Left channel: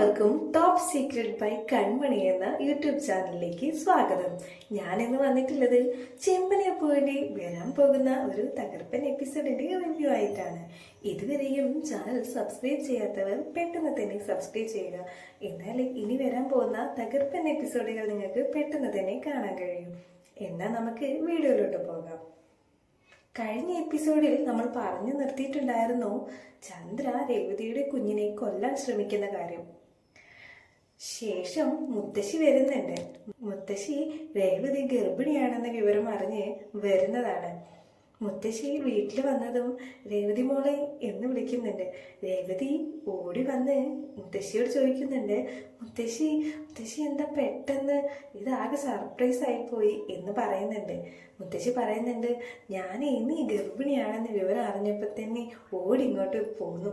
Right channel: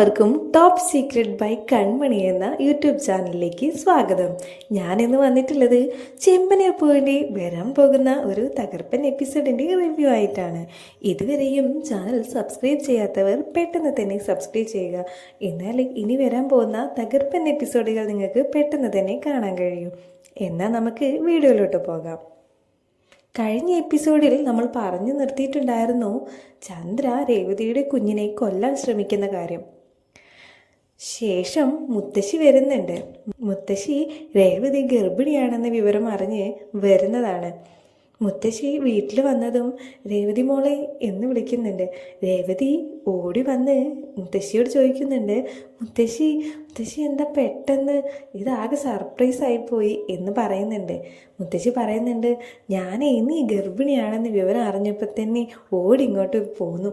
എല്ലാവർക്കും top secret by കൺമണി എന്ന YouTube ചാനലിലേക്ക് സ്വാഗതം. ഞാൻ ഇന്ന് വന്നിട്ടുള്ളത് ചെമ്പനീർ പൂവിന്റെ വരാൻ പോകുന്ന ഒരു തകർപ്പൻ എപ്പിസോഡിന്റെ റിവ്യൂ ആയിട്ടാണ്. ഇതുവരെയും ചാനൽ സബ്സ്ക്രൈബ് ചെയ്യാത്തവർ പെട്ടെന്ന് തന്നെ സബ്സ്ക്രൈബ് ചെയ്യുക. എന്നാൽ ഇനി വരാൻ പോകുന്ന തകർപ്പൻ എപ്പിസോഡുകൾ നിങ്ങൾക്ക് പെട്ടെന്ന് തന്നെ കാണാൻ കഴിയും. എന്നാൽ നമുക്ക് വീഡിയോയിലോട്ട് പോകാം. കഴിഞ്ഞ എപ്പിസോഡിൽ നമ്മൾ പറഞ്ഞു നിർത്തിയിട്ടുണ്ടായിരുന്നു ചന്ദ്ര രേവതിയുടെ കുഞ്ഞിനെ കൊല്ലാൻ ശ്രമിക്കുന്ന കാര്യം. ശേഷം മുത്തശ്ശി വരുന്നുണ്ട്. മുത്തശ്ശി രേവതി ഗർഭിണിയാണെന്ന വിവരം അറിഞ്ഞ് വരുന്നതാണ്. മുത്തശ്ശി വീട്ടിൽ വന്നതും രേവതി മോളെ എന്ന് വിളിക്കുന്നുണ്ട്. രേവതി ഓടി വന്ന് മുത്തശ്ശിയോട് ചോദിക്കുന്നുണ്ട് മുത്തശ്ശി മുത്തശ്ശി എന്താ പെട്ടെന്ന് ഇതാകെ സർപ്രൈസ് ആയിപ്പോയി എന്ന് പറയുന്നുണ്ട്. മുത്തശ്ശി പറയുന്നുണ്ട് ഞാൻ ഈ ഗർഭിണിയാണെന്ന് വിവരം അറിഞ്ഞപ്പോൾ തന്നെ ഓടി ഇങ്ങോട്ട് പോന്നു.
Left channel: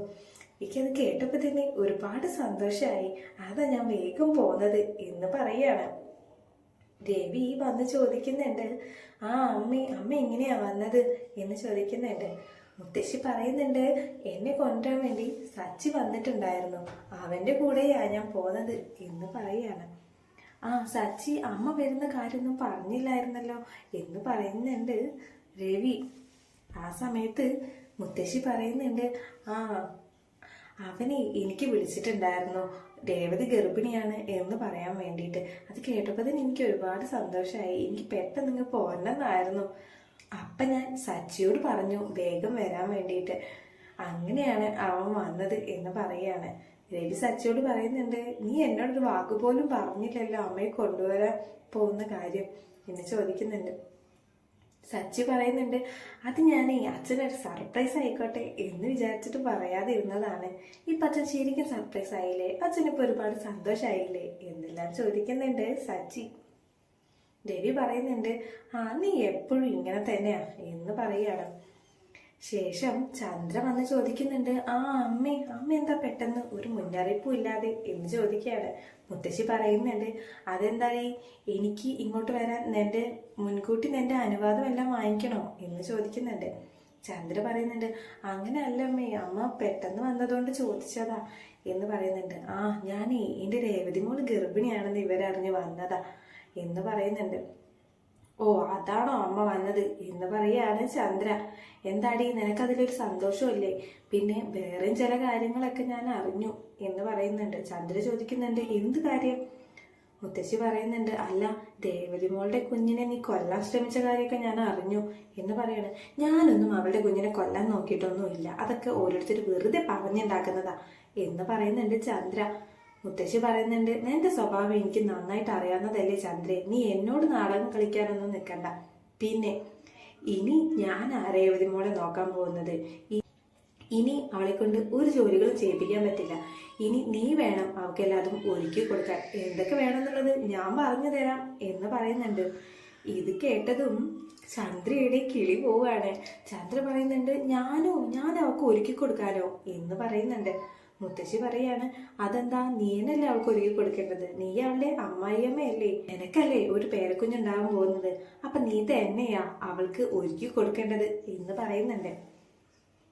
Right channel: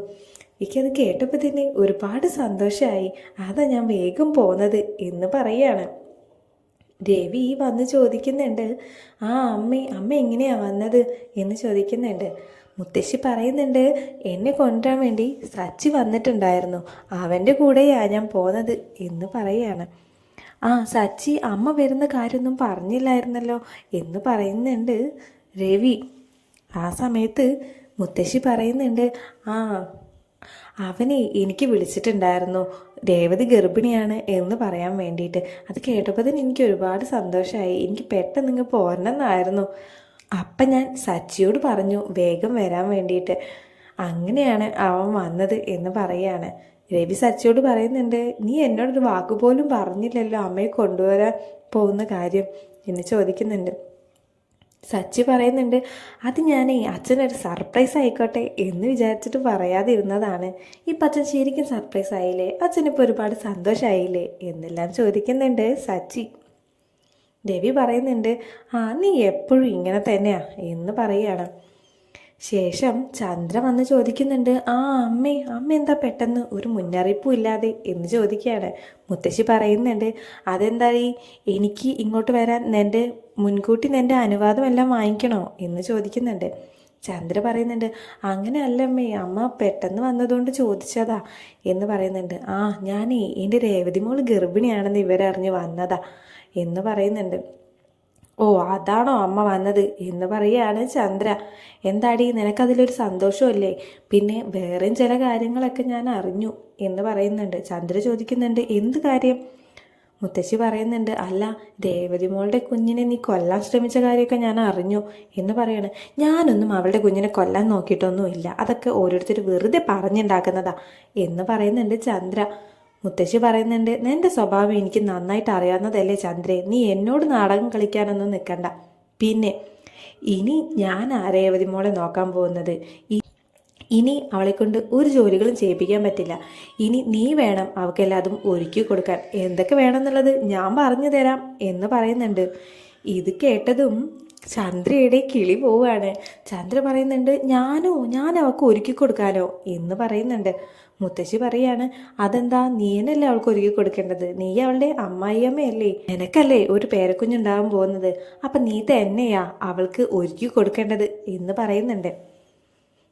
എനിക്കത് കേട്ടപ്പോൾ തന്നെ ഒരുപാട് സന്തോഷമായി അതാ ഞാൻ വേഗം പോന്നത് എന്ന് പറയാണ്. രവി വന്ന് ചോദിക്കുന്നുണ്ട് ആ അമ്മ അമ്മ എങ്ങനെയാണ് വന്നത്? എന്ന് ചോദിക്കുന്നുണ്ട്. മുത്തശ്ശി പറയുന്നുണ്ട് എന്നെ കൊണ്ടുവരാൻ വേണ്ടി സച്ചി വന്നിട്ടുണ്ടായിരുന്നു. അവന്റെ കൂടെയാണ് ഞാൻ പോന്നത് എന്ന് പറയാണ്. ആ സച്ചി അമ്മ വരുന്ന കാര്യമൊന്നും പറഞ്ഞില്ലായിരുന്നല്ലോ എന്ന് പറയുന്നുണ്ട് രവി. ആ സമയത്ത് മുത്തശ്ശി പറയുന്നുണ്ട് ആ അവനെ എനിക്ക് വിളിച്ചിട്ടുണ്ടായിരുന്നു. രേവതി ഗർഭിണിയാണ് എന്ന് പറയാൻ വേണ്ടിയിട്ട്. അത് കേട്ടപ്പോൾ എനിക്ക് ഒരുപാട് സന്തോഷമായി എനിക്ക് പെട്ടെന്ന് ഇങ്ങ് പോരണമെന്നായിരുന്നു. അപ്പം ഞാൻ സച്ചിയോട് പറഞ്ഞു വേഗം വരാൻ വേണ്ടിയിട്ട്. അങ്ങനെയാണ് അവൻ വന്നത് എന്ന് പറയാണ്. രവി സച്ചിയോട് പറയുന്നുണ്ട് നീ എന്നോടൊരു വാക്കുപോലും പറഞ്ഞില്ലല്ലോ അമ്മയെ കൊണ്ടുവരാൻ പോകുന്ന കാര്യം. എന്ന് ചോദിക്കുന്നുണ്ട്. സച്ചി പറയുന്നുണ്ട് അത് ഞാനേ അച്ഛനൊരു സർപ്രൈസ് ആയിക്കോട്ടെ എന്ന് വിചാരിച്ചിട്ട് പറയാതിരുന്നതാണ്. ഇപ്പം അച്ഛൻ ശരിക്കും സർപ്രൈസ് ആയില്ലേ? അച്ഛനിപ്പോൾ ഒരുപാട് സന്തോഷമായില്ലേ എന്നെല്ലാം ചോദിക്കുന്നുണ്ട് സച്ചി. രവി പറയുന്നുണ്ട് ആ നീ എപ്പോഴും ഇങ്ങനെ തന്നെയാ? എന്ന് പറയുകയാണ്. ശേഷം ചന്ദ്ര വന്ന് ചോദിക്കുന്നുണ്ട് ആ അമ്മേ അമ്മ എന്താ പെട്ടെന്ന്? ഒരു മുന്നറിയിപ്പും ഇല്ലാതെ എന്ന് ചോദിക്കുകയാണ്. മുത്തശ്ശി പറയുന്നുണ്ട് അതെന്തായി എനിക്ക് ഇങ്ങോട്ട് വരാൻ നിന്റെ മുൻകൂട്ടി നിന്റെ അനുവാദമെല്ലാം വാങ്ങിക്കണോ? എന്ന് ചോദിക്കുന്നുണ്ട്. ചന്ദ്ര പറയുന്നുണ്ട് അങ്ങനെ അല്ലമ്മേ അമ്മ പെട്ടെന്ന് വന്നതുകൊണ്ട് ചോദിച്ചതാ എന്ന് പറയുന്നുണ്ട്. ആ ഞാനേ എന്റെ രേവതി മോൾ ഗർഭിണിയാണെന്ന് ഇവരറിഞ്ഞ് വന്നതാ എന്ന് പറയുന്നുണ്ട്. ഓ അതാണോ അമ്മ വന്നത് എന്ന് പറയുകയാണ് ചന്ദ്ര. എന്താടി നിനക്കതിലൊരു സന്തോഷമല്ലേ? പിന്നെ വേറെയും ചില കാര്യങ്ങളൊക്കെ ഞാൻ അറിഞ്ഞു എന്ന് പറയുന്നുണ്ട്. ചന്ദ്ര ചോദിക്കുന്നുണ്ട് എന്ത് കാര്യം? മുത്തശ്ശി പറയുന്നുണ്ട് അല്ല രേവതി മോളുടെ കുഞ്ഞിനെ നീ കൊല്ലാൻ ശ്രമിച്ച കാര്യമൊക്കെ ഞാൻ അറിഞ്ഞു എന്ന് പറയാണ്. ഞാനൊന്നും അവളുടെ കുഞ്ഞിനെ കൊല്ലാൻ നോക്കിയിട്ടൊന്നുമില്ല. അതൊക്കെ ഓരോരുത്തർ വെറുതെ പറഞ്ഞുണ്ടാക്കുന്നതാ എന്ന് പറയുന്നുണ്ട് ചന്ദ്ര. മുത്തശ്ശി പറയുന്നുണ്ട് നിന്റെ സ്വഭാവം എനിക്ക് നന്നായിട്ട് അറിയാവുന്നതല്ലേ ചന്ദ്രേ. നീ എന്നോട് നാടകം കളിക്കാനൊന്നും നിൽക്കണ്ട പിന്നെ ഇനി ഞാൻ ആരേവതി മോളെ നോക്കാൻ പോകുന്നത്? ഇനി അവളെ കൊണ്ട് ഒരു ജോലികളും ചെയ്യിപ്പിക്കാൻ പറ്റില്ല. ഇനി നീ വേണം അവൾക്ക് എല്ലാതും ഒരുക്കി കൊടുക്കാൻ. എന്തൊക്കെ വേണമെന്നുള്ളത് ഞാൻ പറഞ്ഞു തരാം എന്ന് പറയുന്നുണ്ട്. ഇത് കേട്ടതും ചന്ദ്രയുടെ കിളി പോവുകയാണ്. ചന്ദ്ര പറയുന്നുണ്ട് ഞാനോ? ഞാൻ അവൾക്ക് ഒരുക്കി കൊടുക്കാനോ? എന്ന് പറയുന്നുണ്ട്. മുത്തശ്ശി പറയാണ് അതെന്താ നീനല്ലേ അവൾക്ക് ഒരുക്കി കൊടുക്കേണ്ടത്? നീ അവളുടെ അമ്മായിയമ്മയല്ലേ? നിനക്കല്ലേ ഒരു പേരക്കുഞ്ഞുണ്ടാകാൻ പോകുന്നത്? അപ്പം നീ തന്നെയാ അവൾക്ക് ഒരുക്കി കൊടുക്കേണ്ടത്? എന്ന് പറയുന്നുണ്ട്.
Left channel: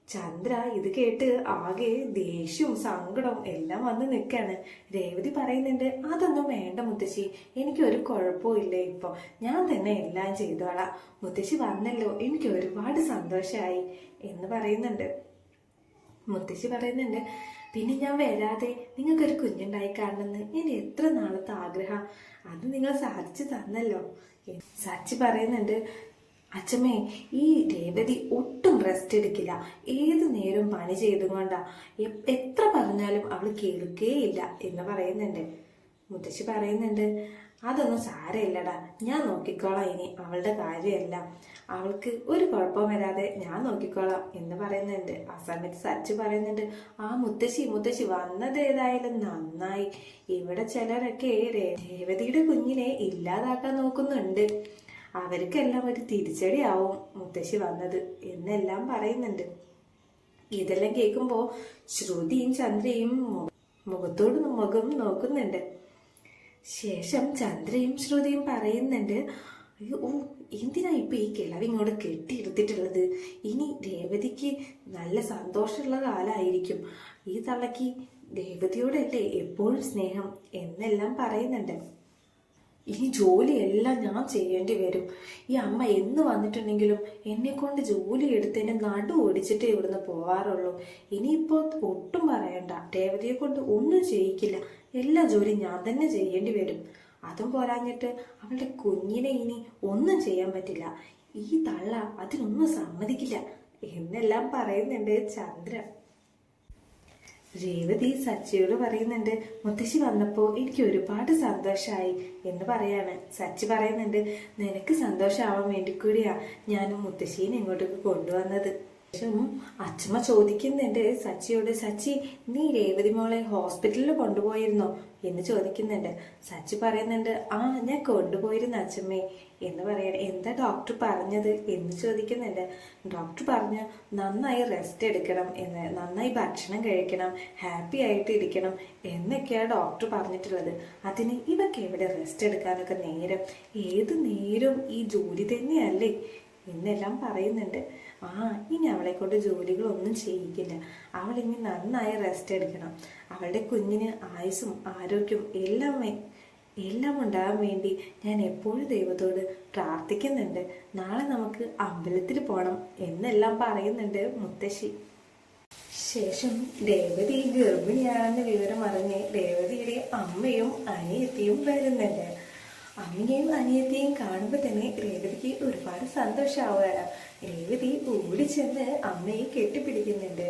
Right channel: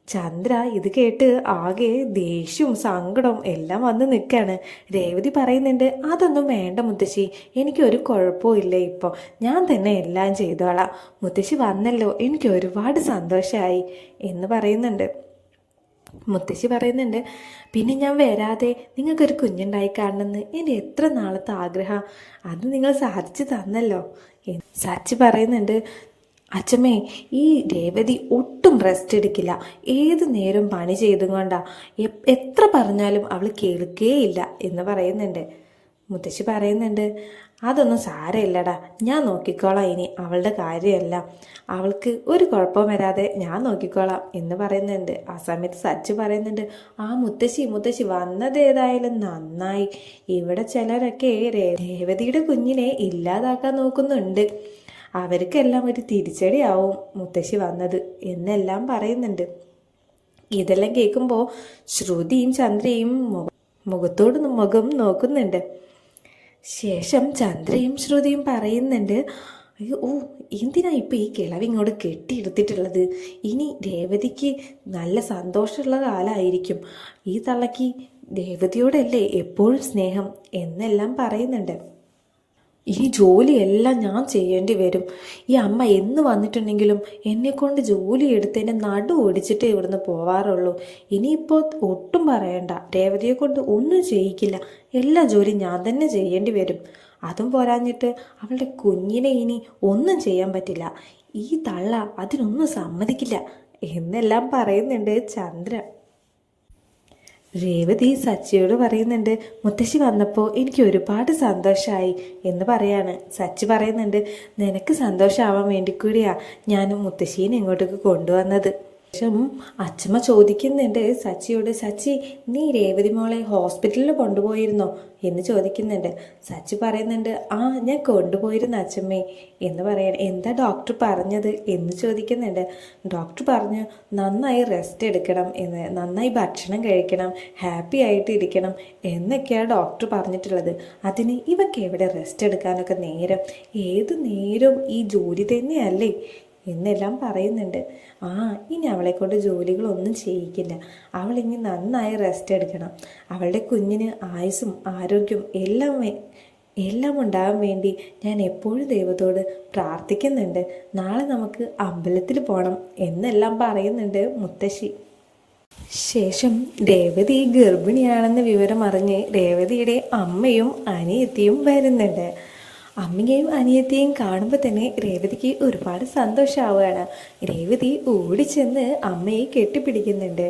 ചന്ദ്ര ഇത് കേട്ട് ആകെ ദേഷ്യവും സങ്കടവും എല്ലാം വന്ന് നിൽക്കുകയാണ് രേവതി പറയുന്നുണ്ട് അതൊന്നും വേണ്ട മുത്തശ്ശി എനിക്കൊരു കുഴപ്പവും ഇല്ല ഇപ്പോൾ ഞാൻ തന്നെ എല്ലാം ചെയ്തോളാം. മുത്തശ്ശി വന്നല്ലോ എനിക്ക് ഒരുപാട് സന്തോഷമായി എന്ന് പറയുന്നുണ്ട്. മുത്തശ്ശി പറയുന്നുണ്ട് പിന്നെ ഞാൻ വരാതെ നിങ്ങൾക്കൊരു കുഞ്ഞുണ്ടായി കാണണമെന്ന് എന്റെ എത്ര നാളത്തെ ആഗ്രഹം? അത് നിങ്ങൾ സാധിച്ചു തന്നല്ലോ. സാച്ചി പറയുന്നുണ്ട് അച്ഛമ്മേ ഈ രേവതി ഒട്ടും റെസ്റ്റ് എടുക്കില്ല. ഏത് നേരം പണി ചെയ്തുകൊണ്ടാ എത്ര പറഞ്ഞാലും അവൾ കേൾക്കേയില്ല എന്ന് പറയുന്നുണ്ട്. മുത്തശ്ശി പറയുന്നുണ്ട് അതൊന്നും സാരമില്ലടാ. ഞാൻ നോക്കിക്കോളാം ഇനി അവളുടെ കാര്യമല്ല. അവൾക്ക് ഒരു കുഴപ്പം വരാതെ ഞാൻ നോക്കിക്കോളാം എന്ന് പറയുന്നുണ്ട്. ആ സമയത്ത് സച്ച് പറയുന്നുണ്ട് ആ മുത്തശ്ശി മുത്തശ്ശി വന്നത് ഏതായാലും നന്നായി. ഇവിടെ ചിലരൊക്കെ രേവതിയുടെ കുഞ്ഞിനെ ഇല്ലാതാക്കാൻ നോക്കുന്നുണ്ട്. അവർക്കെല്ലാം ഒരു തിരിച്ചടിയാവും മുത്തശ്ശി വന്നത് എന്നെല്ലാം പറയുന്നുണ്ട്. ഇതെല്ലാം കേൾക്കുമ്പോൾ ശ്രുതിയും ചന്ദ്രയും മുഖത്തോട് മുഖം നോക്കുന്നുണ്ട്. ശേഷം ചന്ദ്രയും ശ്രുതിയും പറയുന്നുണ്ട് അയ്യോ ഓ എന്തിനാ ഇപ്പം ഈ കിളവ് ഇങ്ങോട്ട് കെട്ടിയെടുത്തിട്ടുള്ളത്? ഇനി രേവതിക്ക് നല്ല സന്തോഷമുള്ള കാലമായിരിക്കും ഈ തള്ളക്ക് രേവതിയോടല്ലേ എപ്പോഴും സ്നേഹം? എന്നെല്ലാം പറയുന്നുണ്ട്. ഈ ജോലിയെല്ലാം ഞാൻ ചെയ്യേണ്ടി വരും. ഈ അമ്മ എന്ന് വന്നിട്ടുണ്ടെങ്കിലും എന്നെ കൊണ്ട് ജോലി എടുത്തതിനെ നടു ഓടിച്ചിട്ടേ ഇവിടുന്ന് പോവാറുള്ളൂ. ഇനിയിപ്പോൾ ഒട്ടും പറയണ്ട. രേവതിയെ കൊണ്ട് ഒന്നും ചെയ്യിക്കില്ല. എല്ലാ ജോലിയും ഞാൻ തന്നെ ചെയ്യേണ്ടി വരും. അതും പോരാഞ്ഞിട്ട് അവളുടെ കുഞ്ഞിനെ ഇനി ഒന്നും ചെയ്യാൻ പറ്റില്ല. ഈ തള്ള അതിനൊന്നും സമ്മതിക്കില്ല. എന്നെല്ലാം പറയുന്നുണ്ട് ചന്ദ്രൻ. രേവതി സച്ചിയോട് പറയുന്നുണ്ട് മുത്തശ്ശി വന്നപ്പോൾ എനിക്ക് ഒരുപാട് സന്തോഷമായി എന്ന് പറയാണ്. സച്ചി പറയുന്നുണ്ട് നിനക്ക് സന്തോഷമാവാൻ വേണ്ടി കൂടിയാണ് ഞാൻ മുത്തശ്ശീനെ ഇങ്ങോട്ടേക്ക് കൊണ്ടുവന്നത്. ശേഷം അച്ഛമ്മ ചോദിക്കുന്നുണ്ട് സച്ചിയോട് സച്ചി നീ രേവതി മോളെ ഹോസ്പിറ്റലിൽ കൊണ്ടുപോയിരുന്നോ? എന്ന് ചോദിക്കുന്നുണ്ട്. സച്ചി പറയുന്നുണ്ട് ആ ഞാൻ കൊണ്ടുപോയിരുന്നു അച്ഛമ്മേ. എന്ന് പറയണം എന്താ ഡോക്ടർ പറഞ്ഞത്? എന്ന് ചോദിക്കുന്നുണ്ട്. ഡോക്ടർ പറഞ്ഞു നന്നായി റെസ്റ്റ് എടുക്കണം എന്ന് നന്നായി ഭക്ഷണം കഴിക്കണം ഹാപ്പി ആയിട്ട് ഇരിക്കണം എന്നൊക്കെയാണ് ഡോക്ടർ പറഞ്ഞിട്ടുള്ളത്. അതിന് ഇവക്ക് എവിടെ റെസ്റ്റ് എടുക്കാനൊക്കെ നേരം? ഏത് നേരവും ഈ ജോലി തന്നെയല്ലേ? എന്നെല്ലാം പറയുന്നുണ്ട്. ആ ഇനി അവളെ കൊണ്ട് ജോലികളൊന്നും ചെയ്യിക്കില്ല. അവളിനി നന്നായി റെസ്റ്റ് എടുക്കണം. അവളുടെ കുഞ്ഞിന് ആയുസ്സും ആരോഗ്യവും എല്ലാം എല്ലാം ഉണ്ടാകാൻ വേണ്ടി ഞാൻ എപ്പോഴും ദൈവത്തോട് പ്രാർത്ഥിക്കുന്നുണ്ട്. നാളെ നമുക്ക് അമ്പലത്തിൽ പോകണം എന്നെല്ലാം പറയുന്നുണ്ട് മുത്തശ്ശി. ശേഷം രേവതി ഗർഭിണിയാണെന്ന വിവരം അറിഞ്ഞ് രേവതിയുടെ അമ്മയും അനിയത്തിയും വരുന്നുണ്ട്. അമ്മയെയും അനിയത്തിയെയും കാണുമ്പോൾ തന്നെ രേവതിക്ക് ഒരുപാട് സന്തോഷമാവുകയാണ് രേവതി ഓടിച്ചെന്ന് അമ്മയെ കെട്ടിപ്പിടിക്കുന്നുണ്ട്.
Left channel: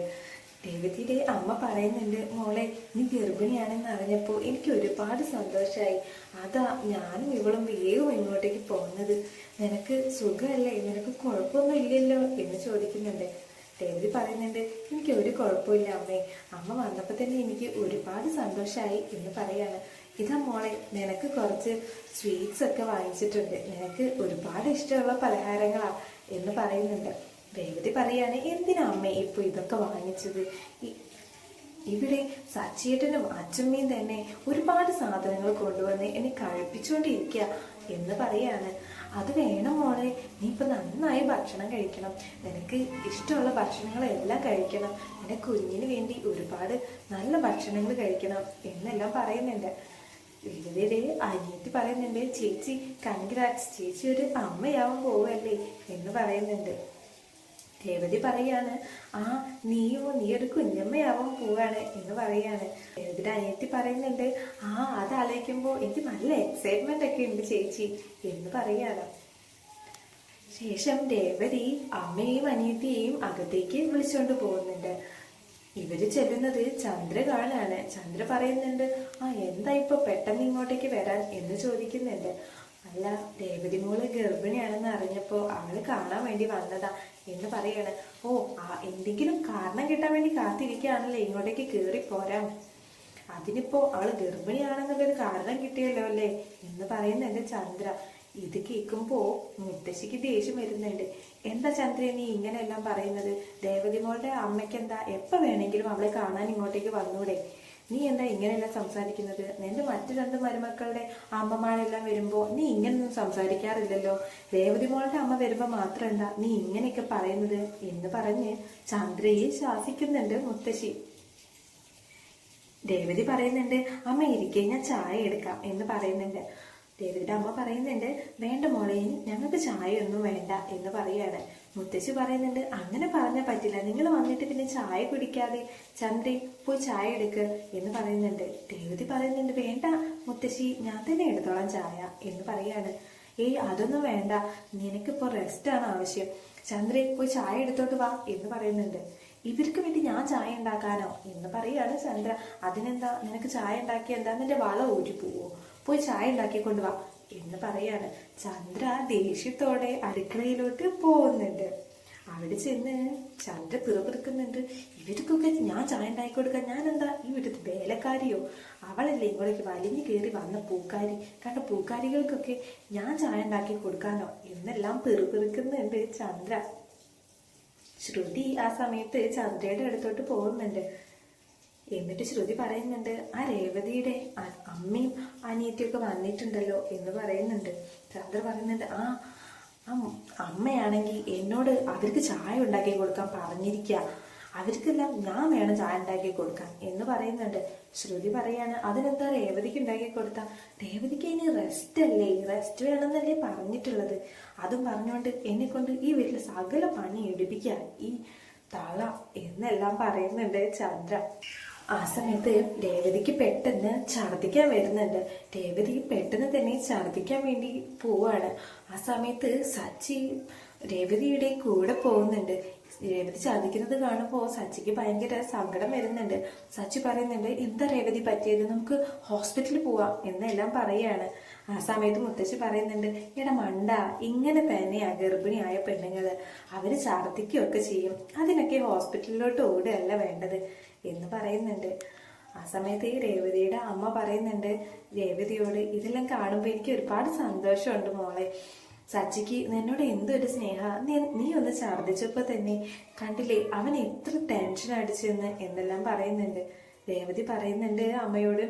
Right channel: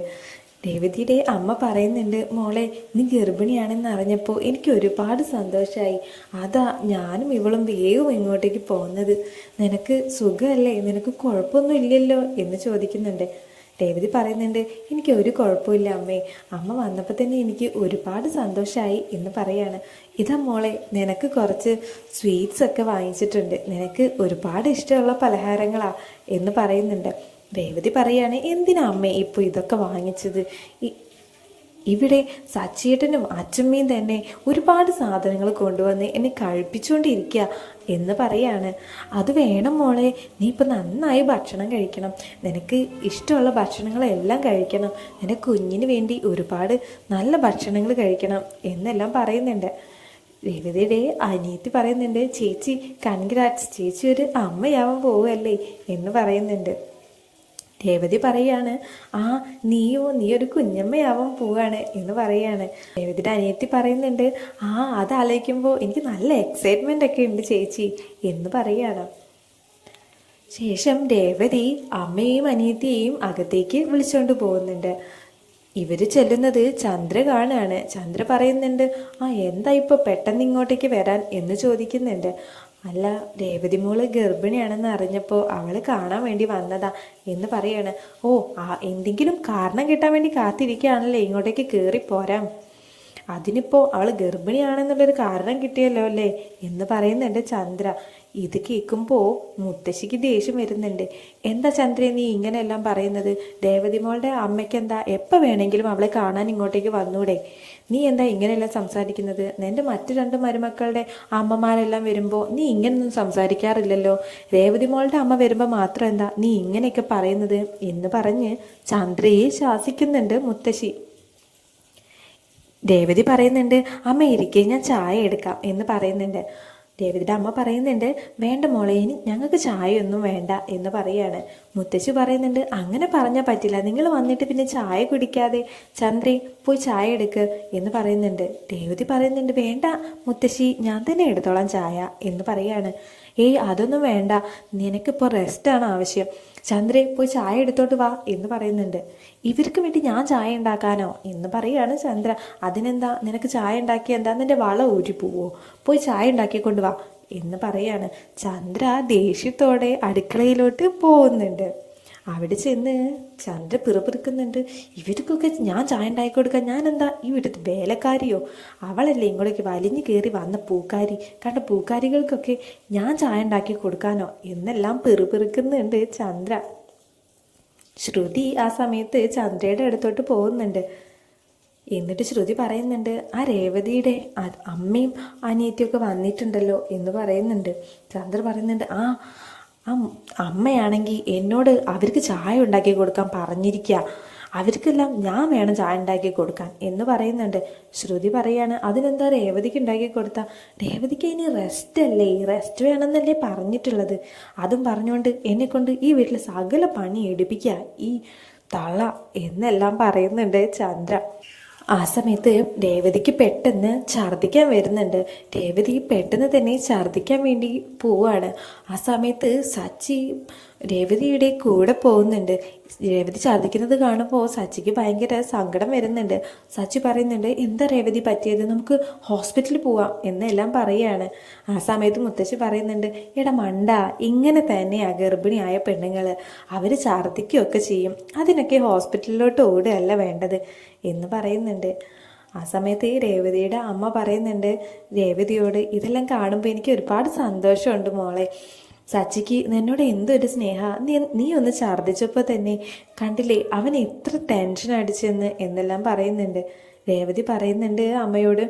രേവതിയുടെ അമ്മ പറയുന്നുണ്ട് മോളെ നീ ഗർഭിണിയാണെന്ന് അറിഞ്ഞപ്പോൾ എനിക്ക് ഒരുപാട് സന്തോഷമായി അതാ ഞാനും ഇവളും വേഗം ഇങ്ങോട്ടേക്ക് പോകുന്നത്. നിനക്ക് സുഖമല്ലേ നിനക്ക് കുഴപ്പമൊന്നും ഇല്ലല്ലോ? എന്ന് ചോദിക്കുന്നുണ്ട്. രേവതി പറയുന്നുണ്ട് എനിക്ക് ഒരു കുഴപ്പമില്ല അമ്മേ. അമ്മ വന്നപ്പോൾ തന്നെ എനിക്ക് ഒരുപാട് സന്തോഷമായി എന്ന് പറയാണ്. ഇതാ മോളെ നിനക്ക് കുറച്ച് സ്വീറ്റ്സ് ഒക്കെ വാങ്ങിച്ചിട്ടുണ്ട്. നിനക്ക് ഒരുപാട് ഇഷ്ടമുള്ള പലഹാരങ്ങളാ എന്ന് പറയുന്നുണ്ട്. രേവതി പറയാണ് എന്തിനാ അമ്മേ ഇപ്പോൾ ഇതൊക്കെ വാങ്ങിച്ചത്? ഇവിടെ സച്ചിയേട്ടനും അച്ചമ്മയും തന്നെ ഒരുപാട് സാധനങ്ങൾ കൊണ്ടുവന്ന് എന്നെ കഴിപ്പിച്ചുകൊണ്ടിരിക്കുക എന്ന് പറയാണ്. അത് വേണം മോളെ നീ ഇപ്പം നന്നായി ഭക്ഷണം കഴിക്കണം. നിനക്ക് ഇഷ്ടമുള്ള ഭക്ഷണങ്ങളെല്ലാം കഴിക്കണം. നിന്റെ കുഞ്ഞിന് വേണ്ടി ഒരുപാട് നല്ല ഭക്ഷണങ്ങൾ കഴിക്കണം എന്നെല്ലാം പറയുന്നുണ്ട്. രവിതയുടെ അനിയത്തി പറയുന്നുണ്ട് ചേച്ചി കൺഗ്രാറ്റ്സ്. ചേച്ചി ഒരു അമ്മയാവാൻ പോവുമല്ലേ എന്ന് പറയുന്നുണ്ട്. രേവതി പറയാണ് ആ നീയോ നീ ഒരു കുഞ്ഞമ്മയാവാൻ പോവാണ് എന്ന് പറയാണ്. രേവതിയുടെ അനിയത്തി പറയുന്നുണ്ട് ആ അത് ആലോചിക്കുമ്പോൾ എനിക്ക് നല്ല എക്സൈറ്റ്മെന്റ് ഒക്കെ ഉണ്ട് ചേച്ചി എന്ന് പറയാണ്. ശേഷം രേവതി അമ്മയെയും അനിയത്തിയെയും അകത്തേക്ക് വിളിച്ചുകൊണ്ട് പോകുന്നുണ്ട്. ഇവർ ചെല്ലുന്നത് ചന്ദ്ര കാണുകയാണ് ചന്ദ്ര പറയുന്നുണ്ട് ആ എന്താ ഇപ്പോൾ പെട്ടെന്ന് ഇങ്ങോട്ടേക്ക് വരാൻ? എന്ന് ചോദിക്കുന്നുണ്ട്. അല്ല രേവതി മോൾ ഗർഭിണിയാണെന്ന് അറിഞ്ഞപ്പോൾ അവൾ കാണാൻ വേണ്ടി വന്നതാ എന്ന് പറയാണ്. ഓ ആ എന്തെങ്കിലും കാരണം കിട്ടാൻ വേണ്ടി കാത്തിരിക്കുകയാണല്ലേ ഇങ്ങോട്ടേക്ക് കയറി പോരാം. അതിനിപ്പോൾ അവൾ ഗർഭിണിയാണെന്നുള്ളൊരു കാരണം കിട്ടിയല്ലോ അല്ലേ എന്ന് പറയുന്നുണ്ട് ചന്ദ്ര. ഇത് കേൾക്കുമ്പോൾ മുത്തശ്ശിക്ക് ദേഷ്യം വരുന്നുണ്ട്. എന്താ ചന്ദ്ര നീ ഇങ്ങനെയെല്ലാം പറയുന്നത്? രേവതി മോളുടെ അമ്മയ്ക്ക് എന്താ എപ്പോൾ വേണമെങ്കിലും അവളെ കാണാൻ ഇങ്ങോട്ടേക്ക് വന്നൂടെ? നീ എന്താ ഇങ്ങനെയല്ല സംസാരിക്കുന്നത്? എന്റെ മറ്റു രണ്ട് മരുമക്കളുടെ അമ്മമാരെല്ലാം വരുമ്പോൾ നീ ഇങ്ങനെയൊന്നും സംസാരിക്കാറില്ലല്ലോ. രേവതി മോളുടെ അമ്മ വരുമ്പോൾ മാത്രം എന്താ നീ ഇങ്ങനെയൊക്കെ പറയുന്നത്? എന്ന് പറഞ്ഞ് ചന്ദ്രയെ ശാസിക്കുന്നുണ്ട് മുത്തശ്ശി. രേവതി പറയുന്നുണ്ട് അമ്മ ഇരിക്കെ ഞാൻ ചായ എടുക്കാം എന്ന് പറയുന്നുണ്ട്. രേവതിയുടെ അമ്മ പറയുന്നുണ്ട് വേണ്ട മോളെ ഇനി ഞങ്ങൾക്ക് ചായയൊന്നും വേണ്ട എന്ന് പറയാണ്. മുത്തശ്ശി പറയുന്നുണ്ട് അങ്ങനെ പറഞ്ഞാൽ പറ്റില്ല നിങ്ങൾ വന്നിട്ട് പിന്നെ ചായ കുടിക്കാതെ ചന്ദ്രി പോയി ചായ എടുക്ക് എന്ന് പറയുന്നുണ്ട്. രേവതി പറയുന്നുണ്ട് വേണ്ട മുത്തശ്ശി ഞാൻ തന്നെ എടുത്തോളാം ചായ എന്ന് പറയാണ്. ഏയ് അതൊന്നും വേണ്ട നിനക്കിപ്പോൾ റെസ്റ്റാണ് ആവശ്യം. ചന്ദ്രേ പോയി ചായ എടുത്തോട്ട് വാ എന്ന് പറയുന്നുണ്ട്. ഇവർക്ക് വേണ്ടി ഞാൻ ചായ ഉണ്ടാക്കാനോ എന്ന് പറയാണ് ചന്ദ്ര. അതിനെന്താ? നിനക്ക് ചായ ഉണ്ടാക്കി എന്താ? നിന്റെ വള ഊരി പോവോ. പോയി ചായ ഉണ്ടാക്കിക്കൊണ്ട് വാ എന്ന് പറയാണ് ചന്ദ്ര ദേഷ്യത്തോടെ അടുക്കളയിലോട്ട് പോകുന്നുണ്ട്. അവിടെ ചെന്ന് ചന്ദ്ര പിറുപിറുക്കുന്നുണ്ട്. ഇവർക്കൊക്കെ ഞാൻ ചായ ഉണ്ടാക്കി കൊടുക്കാൻ ഞാൻ എന്താ ഇവിടുത്തെ വേലക്കാരിയോ? അവളല്ലേ ഇങ്ങോട്ടേക്ക് വലിഞ്ഞു കയറി വന്ന പൂക്കാരി. കണ്ട പൂക്കാരികൾക്കൊക്കെ ഞാൻ ചായ ഉണ്ടാക്കി കൊടുക്കാനോ? എന്നെല്ലാം പിറുപിറുക്കുന്നുണ്ട് ചന്ദ്ര. ശ്രുതി ആ സമയത്ത് ചന്ദ്രയുടെ അടുത്തോട്ട് പോകുന്നുണ്ട്. എന്നിട്ട് ശ്രുതി പറയുന്നുണ്ട് ആ രേവതിയുടെ അമ്മയും അനിയത്തിയൊക്കെ വന്നിട്ടുണ്ടല്ലോ എന്ന് പറയുന്നുണ്ട്. ചന്ദ്ര പറയുന്നുണ്ട് ആ ആ അമ്മയാണെങ്കിൽ എന്നോട് അവർക്ക് ചായ ഉണ്ടാക്കി കൊടുക്കാൻ പറഞ്ഞിരിക്കുക അവർക്കെല്ലാം ഞാൻ വേണം ചായ ഉണ്ടാക്കി കൊടുക്കാൻ എന്ന് പറയുന്നുണ്ട്. ശ്രുതി പറയാണ് അതിനെന്താ രേവതിക്ക് ഉണ്ടാക്കി കൊടുത്ത? രേവതിക്ക് ഇനി റെസ്റ്റ് അല്ലേ? റെസ്റ്റ് വേണമെന്നല്ലേ പറഞ്ഞിട്ടുള്ളത്. അതും പറഞ്ഞുകൊണ്ട് എന്നെക്കൊണ്ട് ഈ വീട്ടിൽ സകല പണി എടുപ്പിക്കുക. ഈ തള എന്നെല്ലാം പറയുന്നുണ്ട് ചന്ദ്ര. ആ സമയത്ത് രേവതിക്ക് പെട്ടെന്ന് ഛർദ്ദിക്കാൻ വരുന്നുണ്ട്. രേവതി പെട്ടെന്ന് തന്നെ ഛർദ്ദിക്കാൻ വേണ്ടി പോവാണ്. ആ സമയത്ത് സച്ചി രേവതിയുടെ കൂടെ പോകുന്നുണ്ട്. രേവതി ചതിക്കുന്നത് കാണുമ്പോൾ സച്ചിക്ക് ഭയങ്കര സങ്കടം വരുന്നുണ്ട്. സച്ചി പറയുന്നുണ്ട് എന്താ രേവതി പറ്റിയത്? നമുക്ക് ഹോസ്പിറ്റലിൽ പോവാം എന്നെല്ലാം പറയുകയാണ് ആ സമയത്ത് മുത്തശ്ശി പറയുന്നുണ്ട് എടാ മണ്ട ഇങ്ങനെ തന്നെയാ ഗർഭിണിയായ പെണ്ണുങ്ങൾ അവർ ഛർദ്ദിക്കുകയൊക്കെ ചെയ്യും. അതിനൊക്കെ ഹോസ്പിറ്റലിലോട്ട് ഓടുകയല്ല വേണ്ടത് എന്ന് പറയുന്നുണ്ട്. ആ സമയത്ത് ഈ രേവതിയുടെ അമ്മ പറയുന്നുണ്ട് രേവതിയോട് ഇതെല്ലാം കാണുമ്പോൾ എനിക്ക് ഒരുപാട് സന്തോഷമുണ്ട് മോളെ. സച്ചിക്ക് നിന്നോട് എന്തൊരു സ്നേഹ? നീ ഒന്ന് ഛർദ്ദിച്ചപ്പോൾ തന്നെ കണ്ടില്ലേ അവൻ എത്ര ടെൻഷൻ അടിച്ചെന്ന് എന്നെല്ലാം പറയുന്നുണ്ട്. രേവതി പറയുന്നുണ്ട് അമ്മയോട്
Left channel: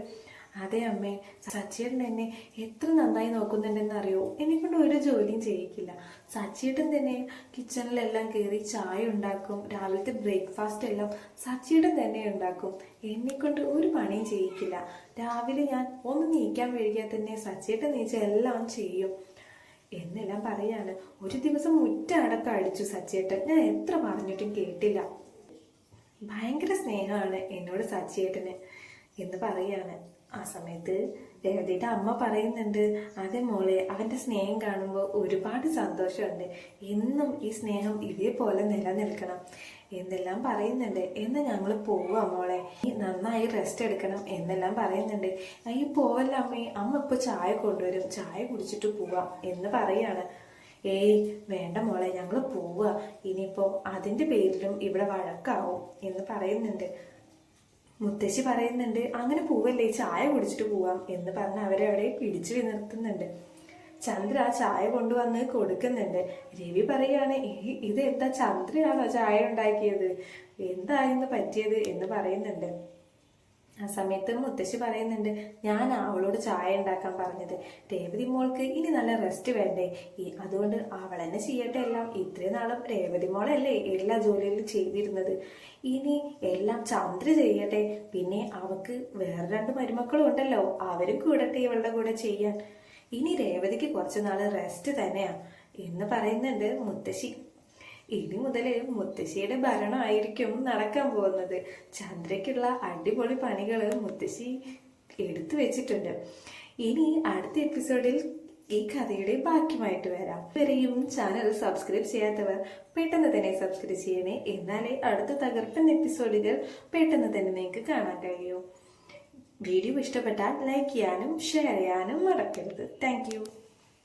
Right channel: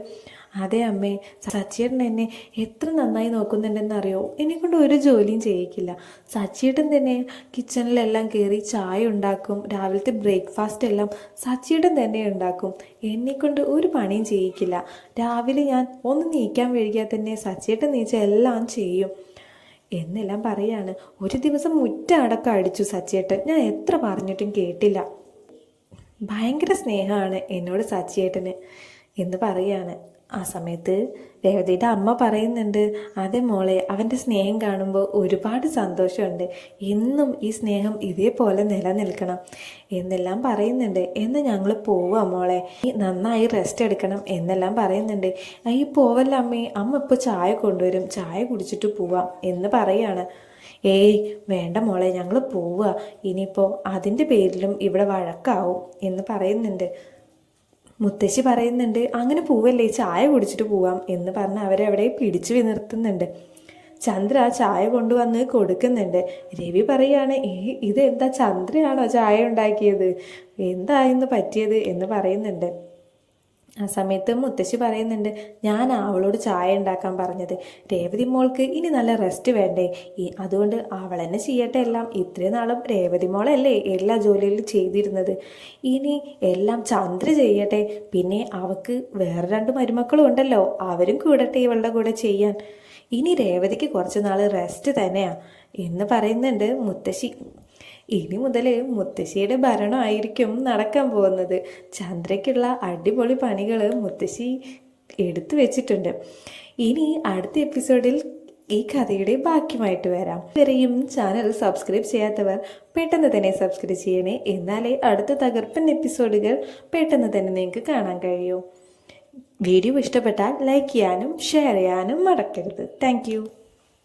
അതെ അമ്മേ സച്ചിയേട്ടൻ എന്നെ എത്ര നന്നായി നോക്കുന്നുണ്ടെന്ന് അറിയോ എന്നെ കൊണ്ട് ഒരു ജോലിയും ചെയ്യിക്കില്ല. സച്ചിയേട്ടൻ തന്നെ കിച്ചണിലെല്ലാം കയറി ചായ ഉണ്ടാക്കും രാവിലത്തെ ബ്രേക്ക്ഫാസ്റ്റ് എല്ലാം സച്ചിയേട്ടൻ തന്നെ ഉണ്ടാക്കും. എന്നെ കൊണ്ട് ഒരു പണിയും ചെയ്യിക്കില്ല. രാവിലെ ഞാൻ ഒന്ന് നീക്കാൻ വൈകിയാൽ തന്നെ സച്ചിയേട്ടൻ നീച്ച എല്ലാം ചെയ്യും. എന്നെല്ലാം പറയാണ് ഒരു ദിവസം മുറ്റ അടക്കം അടിച്ചു സച്ചിയേട്ടൻ. ഞാൻ എത്ര പറഞ്ഞിട്ടും കേട്ടില്ല. ഭയങ്കര സ്നേഹമാണ് എന്നോട് സച്ചിയേട്ടന് എന്ന് പറയാണ്. ആ സമയത്ത് രേവതിയുടെ അമ്മ പറയുന്നുണ്ട് അതെ മോളെ അവന്റെ സ്നേഹം കാണുമ്പോൾ ഒരുപാട് സന്തോഷമുണ്ട്. എന്നും ഈ സ്നേഹം ഇതേപോലെ നിലനിൽക്കണം. എന്നെല്ലാം പറയുന്നുണ്ട് എന്ന് ഞങ്ങൾ പോവുക മോളെ നീ നന്നായി റെസ്റ്റ് എടുക്കണം എന്നെല്ലാം പറയുന്നുണ്ട്. ഈ പോവല്ല അമ്മേ അമ്മ ഇപ്പോൾ ചായ കൊണ്ടുവരും ചായ കുടിച്ചിട്ട് പോവാം എന്ന് പറയാണ്. ഏയ് വേണ്ട മോളെ ഞങ്ങൾ പോവുക ഇനിയിപ്പോൾ അതിന്റെ പേരിലും ഇവിടെ വഴക്കാവും എന്ന് പറയുന്നുണ്ട്. മുത്തശ്ശി പറയുന്നുണ്ട് അങ്ങനെ പോവല്ലേ ചായ കുടിച്ചിട്ട് പോവാം എന്ന് പറഞ്ഞ് അവരവിടെ പിടിച്ചു നിർത്തുന്നുണ്ട് ചന്ദ്ര ചായ കൊണ്ടുവന്ന് കൊടുക്കുന്നുണ്ട്. രവി പറയാണ് ഏ ഇത് എന്താ ചന്ദ്രയാണോ ചായ ഉണ്ടാക്കിയത്? എന്താ ഇന്ന് പറ്റിയത്? എന്ന് പറയുന്നുണ്ട്. ആ സമയത്ത് മുത്തശ്ശി പറയുന്നുണ്ട് ഞാൻ അവളോട് ചായ ഉണ്ടാക്കാൻ പറഞ്ഞത്. രേവതി മോൾക്ക് ഇനി നല്ല റെസ്റ്റ് വേണ്ടേ? അതുകൊണ്ട് അവൾ തന്നെ ചെയ്യട്ടെ എല്ലാം. ഇത്രയും നാളും രേവതി മോളല്ലേ എല്ലാ ജോലിയിലും ചെയ്തിരുന്നത്. ഇനി എല്ലാം ചന്ദ്ര ചെയ്യട്ടെ. പിന്നെ അവൾക്ക് വേറെ രണ്ട് മരുമക്കളും ഉണ്ടല്ലോ. അവരും കൂടട്ടെ ഇവളുടെ കൂടെ ചെയ്യാൻ. ഇനി രേവതിക്ക് കുറച്ച് നാൾ റെസ്റ്റ് തന്നെയാ. എന്ന് പറയുന്നുണ്ട് മുത്തശ്ശി. ഇനി മുതൽ മുത്തശ്ശിയുടെ ഭരണമായിരിക്കും നടക്കാൻ പോകുന്നത്. ചന്ദ്രയ്ക്കുള്ള അടിപൊളി പണികൾ മുത്തശ്ശി എടുത്തു വെച്ചിട്ടുണ്ട്. ഇനി അടുത്ത എപ്പിസോഡിൽ ഈ കഥയുടെ ബാക്കിയുമായിട്ട് വരാം. ഇവരെയും ചാനൽ സബ്സ്ക്രൈബ് ചെയ്യാത്തവർ പെട്ടെന്ന് തന്നെ സബ്സ്ക്രൈബ് ചെയ്യണേ. എന്നാലേ അടുത്ത തകർപ്പൻ എപ്പിസോഡുകൾ പെട്ടെന്ന് തന്നെ നിങ്ങൾക്ക് കാണാൻ കഴിയൂ. വീഡിയോ ഇഷ്ടപ്പെട്ടാൽ ലൈക്ക് ചെയ്യാനും ഷെയർ ചെയ്യാനും മറക്കരുത്. താങ്ക്